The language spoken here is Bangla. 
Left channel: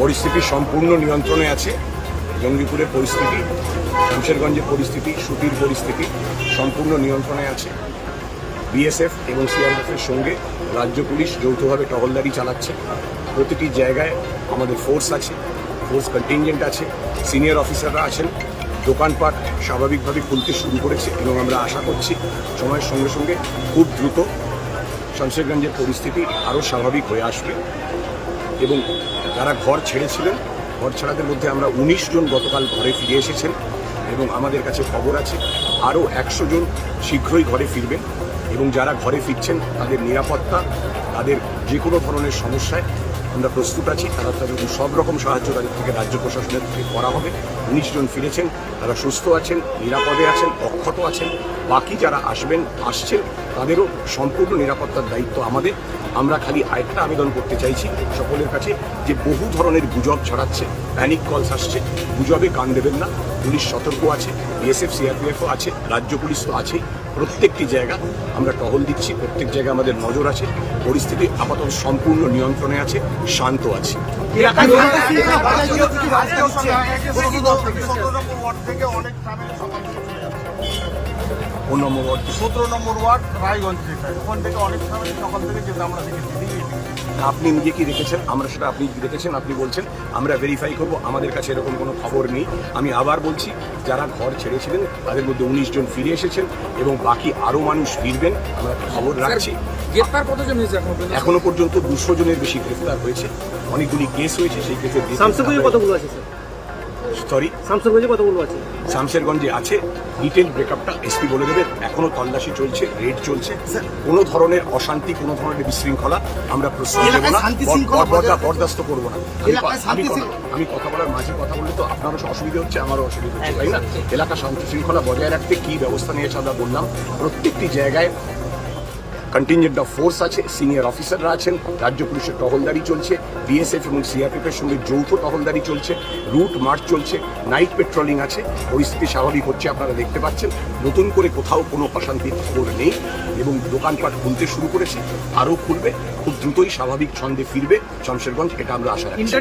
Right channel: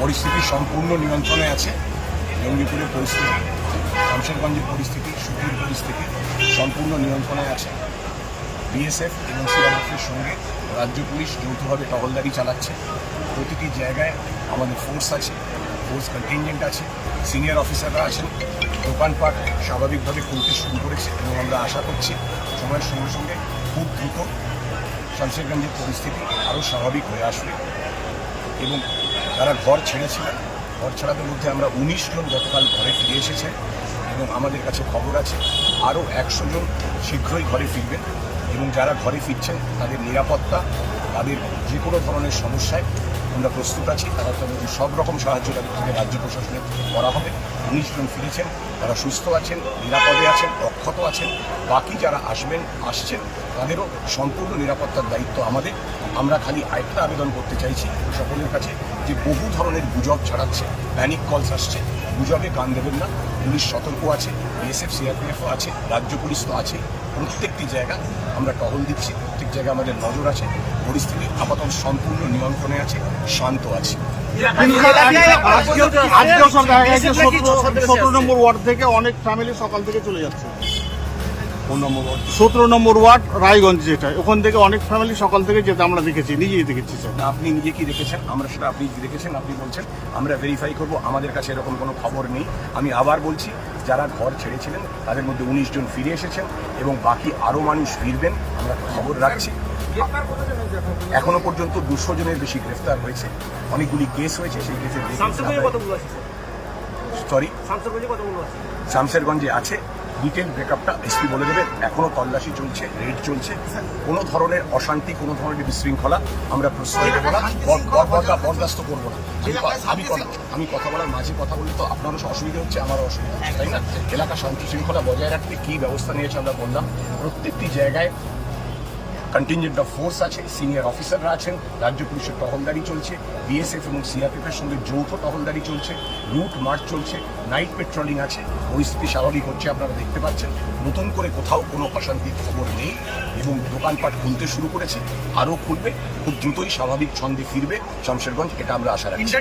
পরিস্থিতি সম্পূর্ণ নিয়ন্ত্রণে আছে। জঙ্গিপুরের পরিস্থিতি শামশেরগঞ্জের পরিস্থিতি, সুতির পরিস্থিতি সম্পূর্ণ নিয়ন্ত্রণে আছে। বিএসএফ এবং সিআরএফের সঙ্গে রাজ্য পুলিশ যৌথভাবে টহলদারি চালাচ্ছে। প্রতিটি জায়গায় আমাদের ফোর্স আছে ফোর্স কন্টিনজেন্ট আছে সিনিয়র অফিসাররা আছেন। দোকানপাট স্বাভাবিকভাবে খুলতে শুরু করেছে এবং আমরা আশা করছি সময়ের সঙ্গে সঙ্গে খুব দ্রুত শামশেরগঞ্জের পরিস্থিতি আরও স্বাভাবিক হয়ে আসবে। এবং যারা ঘর ছেড়েছিলেন, ঘর ছাড়াদের মধ্যে আমরা উনিশ জন গতকাল ঘরে ফিরে এসেছেন এবং আমাদের কাছে খবর আছে, আরও একশো জন শীঘ্রই ঘরে ফিরবেন এবং যারা ঘরে ফিরছেন, তাদের নিরাপত্তা, তাদের যে কোনো ধরনের সমস্যায় আমরা প্রস্তুত আছি। তারা তাদের সব রকম সাহায্য তাদের থেকে রাজ্য প্রশাসনের থেকে করা হবে। উনিশ জন ফিরেছেন, তারা সুস্থ আছেন, নিরাপদে আছেন, অক্ষত আছেন। বাকি যারা আসবেন, আসছেন তাদেরও সম্পূর্ণ নিরাপত্তার দায়িত্ব আমাদের। আমরা খালি আরেকটা আবেদন করতে চাইছি সকলের কাছে যে বহু ধরনের গুজব ছড়াচ্ছে প্যানিক কলস আসছে। গুজবে কান দেবেন না, পুলিশ সতর্ক আছে বিএসএফ সিআরপিএফও আছে, রাজ্য পুলিশ তো আছেই। প্রত্যেকটি জায়গা আমরা টহল দিচ্ছি, প্রত্যেক জায়গায় আমাদের নজর আছে, পরিস্থিতি আপাতত সম্পূর্ণ নিয়ন্ত্রণে আছে, শান্ত আছে। অনেক ফ্যামিলি সকাল থেকে চলে যাচ্ছে। কোন নম্বর ওয়ার্ড সতেরো নম্বর ওয়ার্ড রায়গঞ্জ যেটা। ওখান থেকে অনেক ফ্যামিলি সকাল থেকে যেতে আমরা দেখেছি নিজেই দেখেছি। আপনি নিজে কি দেখেছেন? আমরা সেটা আপনি কি দেখেছেন? আপনি বলছেন আমরা ভেরিফাই করব আমাদের কাছে এরকম কোনো খবর নেই। আমি আবার বলছি যারা ঘর ছেড়েছিলেন তাদের মধ্যে উনিশ জন ফিরে এসেছেন এবং বাকি আরও মানুষ ফিরবেন আমরা খবর রাখছি। এখন পর্যন্ত? এখনও পর্যন্ত দুশো জনের বেশি গ্রেফতার হয়েছে। অনেকগুলি কেস হয়েছে সেই কেসের কতগুলো আছে সরি শামসুরগঞ্জে কতগুলো আছে। ডিটেল ব্রেকআপটা এসপি বলে দেবেন এখনও তল্লাশি চলছে রেড চলছে। কোনো ধরনের অশান্তি কোনো ধরনের বিশৃঙ্খলা আমরা প্রশ্রয় দেবো না। বর- বর- বরদা- বরদাস্ত করব না। আমি আমি কথা বলার মাঝে কথা বললে তো আপনারও অসুবিধা হচ্ছে আমারও অসুবিধা হচ্ছে তাই না? এলাকা শান্তি শৃঙ্খলা বজায় রাখতে কী ব্যবস্থা নিয়েছে আমরা বললাম। প্রত্যেকটি জায়গায় কন্টিনজেন্ট অফ ফোর্স আছে সিনিয়র অফিসাররা আছেন, রাজ্য পুলিশের টহলদারি চলছে বিএসএফ এবং সিআরপিএফ এর সঙ্গে যৌথ টহলদারি চলছে রুট মার্চ চলছে নাইট পেট্রোলিং আছে পরিস্থিতি স্বাভাবিক হচ্ছে আপনারা দেখতে পাচ্ছেন, নতুন করে কোথাও কোনো অশান্তির খবর নেই এবং দোকানপাট খুলতে শুরু করেছে, আরও খুলবে, খুব দ্রুতই স্বাভাবিক ছন্দে ফিরবে, শমশেরগঞ্জ, এটা আমরা আশা রাখছি।